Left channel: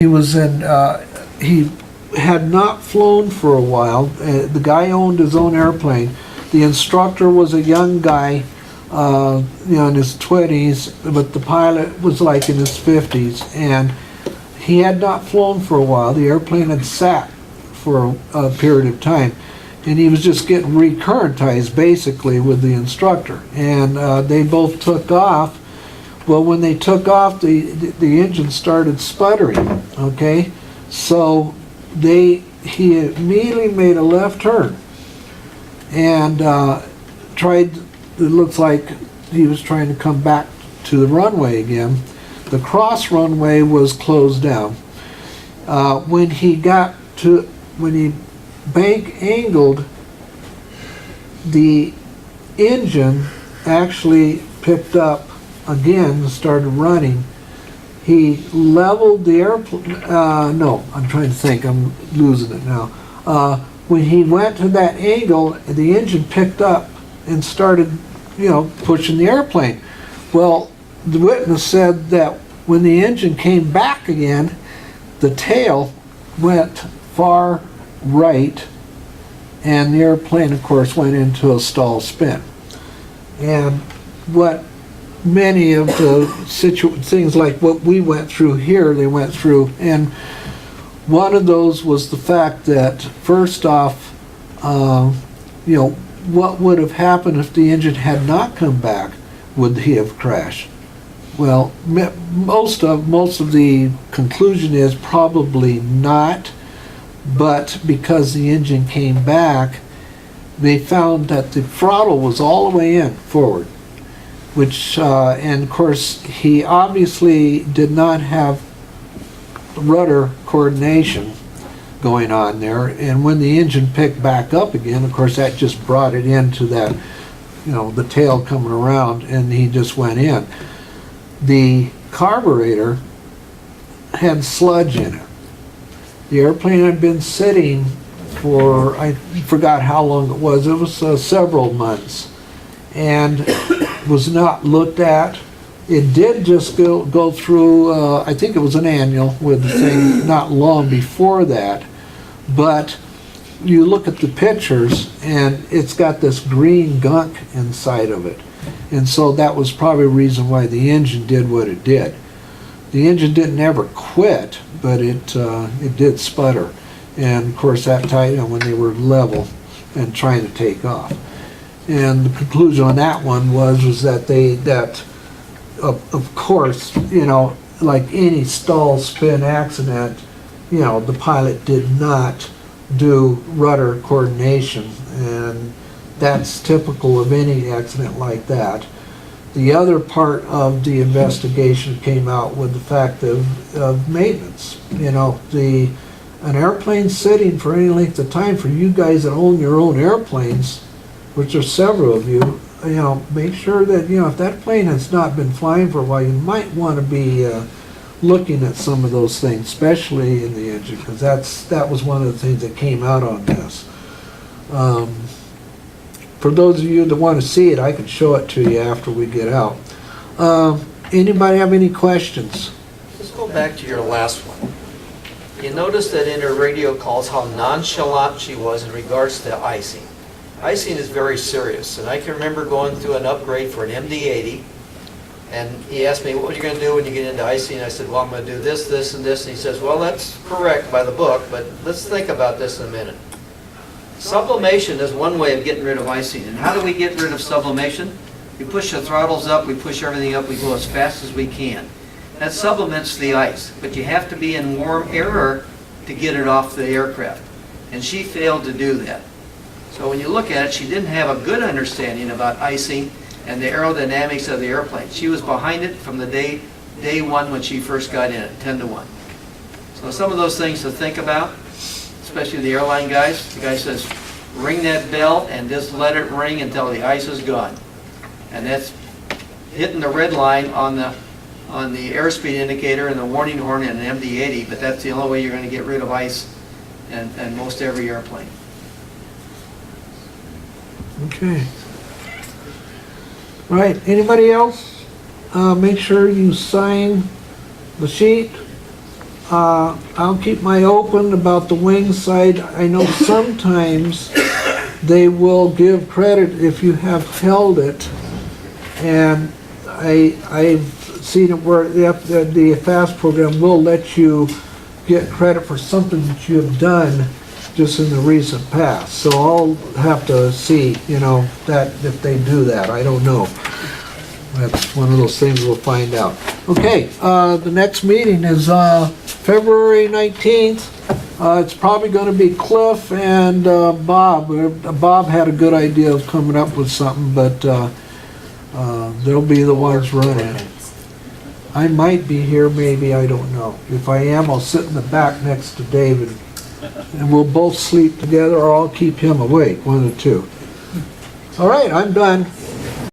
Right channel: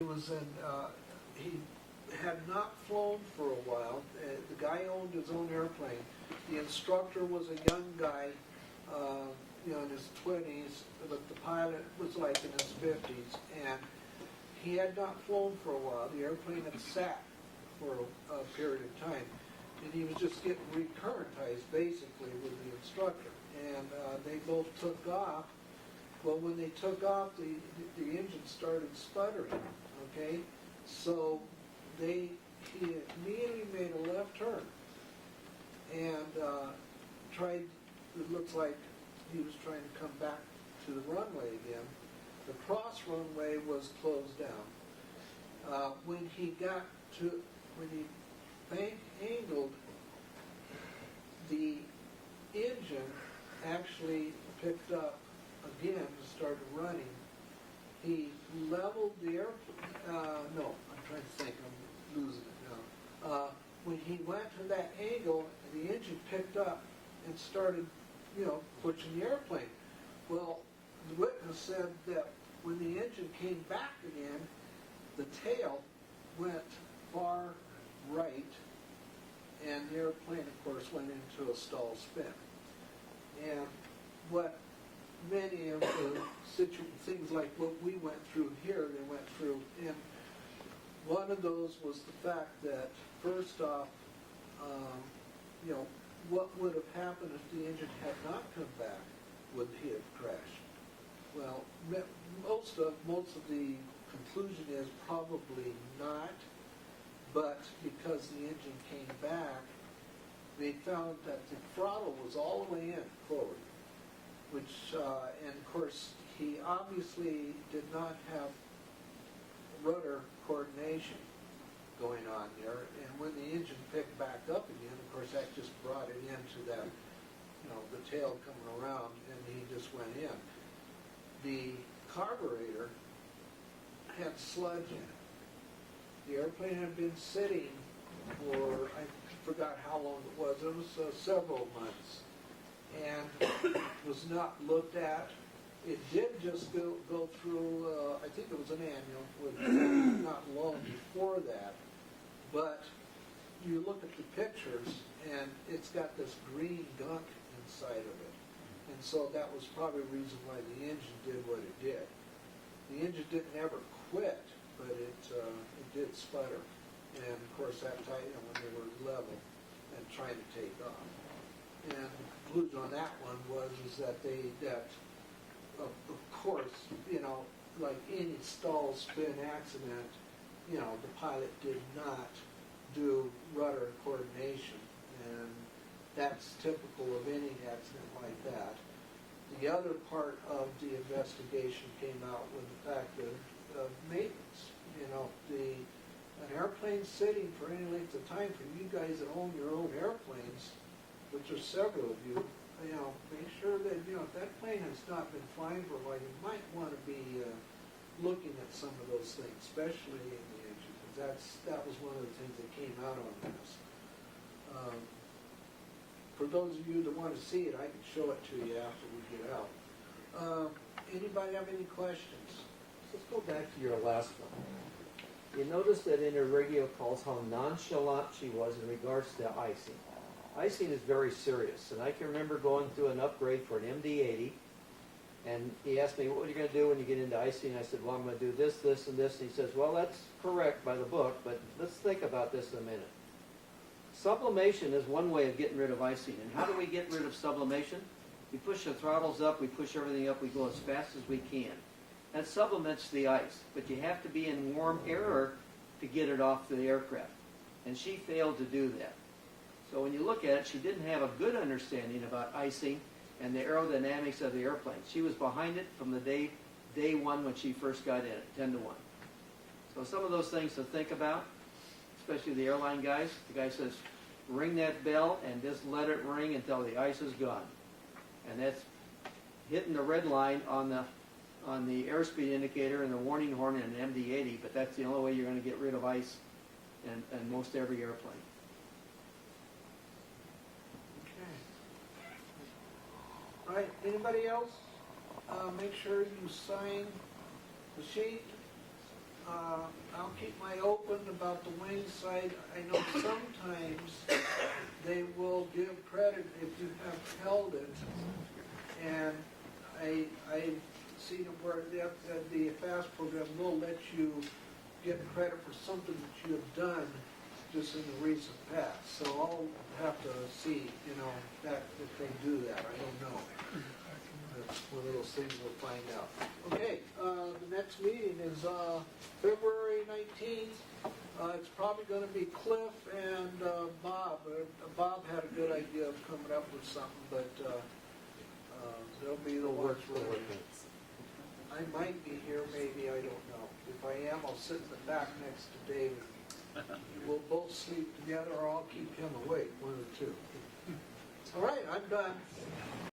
He was in, he had not flown for a while. The guy owned his own airplane. The instructor was a young guy, in his 20s, but the pilot was like in his 50s. And he had not flown for a while. The airplane had sat for a period of time. And he was just getting recurrentized, basically, with the instructor. And they both took off. Well, when they took off, the engine started sputtering, okay? So he immediately made a left turn and it looks like he was trying to come back to the runway again. The cross runway was closed down. When he bank angled, the engine actually picked up again and started running. He leveled the airplane, no, I'm trying to think, I'm losing it now. When he went to that angle, the engine picked up and started, pushing the airplane. Well, the witness said that when the engine came back again, the tail went far right, and the airplane, of course, went into a stall spin. And what many of the things like what we went through here, they went through, and one of those was the fact that, first off, what would have happened if the engine had not come back? Would he have crashed? Well, most of the conclusion is probably not, but because the engine came back, they found that the throttle was all the way in forward, which, and of course, he obviously did not have rudder coordination going on there. And when the engine picked back up again, of course, that just brought it into that, the tail coming around, and he just went in. The carburetor had sludge in it. The airplane had been sitting for, I forgot how long it was several months, and was not looked at. It did just go through, I think it was an annual with the thing not long before that, but you look at the pictures and it's got this green gunk inside of it. And so that was probably a reason why the engine did what it did. The engine didn't ever quit, but it did sputter. And of course that time when they were level and trying to take off. And the conclusion on that one was that of course, like any stall spin accident, the pilot did not do rudder coordination, and that's typical of any accident like that. The other part of the investigation came out with the fact of maintenance. An airplane sitting for any length of time, for you guys that own your own airplanes, which are several of you, make sure that, if that plane has not been flying for a while, you might want to be looking at some of those things, especially in the engine, because that was one of the things that came out on this. For those of you that want to see it, I can show it to you after we get out. Anybody have any questions? Let's go back to your last one. You noticed that in her radio calls how nonchalant she was in regards to icing. Icing is very serious, and I can remember going through an upgrade for an MD-80, and he asked me, what are you going to do when you get into icing? And I said, well, I'm going to do this, this, and this. And he says, well, that's correct by the book, but let's think about this in a minute. Sublimation is one way of getting rid of icing. And how do we get rid of sublimation? We push the throttles up, we push everything up, we go as fast as we can. That subliments the ice, but you have to be in warm air to get it off the aircraft. And she failed to do that. So when you look at it, she didn't have a good understanding about icing and the aerodynamics of the airplane. She was behind it from the day one when she first got in it, 10 to 1. So some of those things to think about, especially the airline guys. The guy says, ring that bell and just let it ring until the ice is gone. And that's hitting the red line on the airspeed indicator and the warning horn in an MD-80, but that's the only way you're going to get rid of ice in most every airplane. Okay. All right, anybody else? Make sure you sign the sheet. I'll keep my open about the wing side. I know sometimes they will give credit if you have held it, and I've seen it where the FAST program will let you get credit for something that you have done just in the recent past. So I'll have to see, that if they do that. I don't know. That's one of those things we'll find out. Okay, the next meeting is February 19th. It's probably going to be Cliff and Bob. Bob had a good idea of coming up with something, but they'll be the ones running. I might be here, maybe, I don't know. If I am, I'll sit in the back next to David, and we'll both sleep together, or I'll keep him awake, one of the two. All right, I'm done.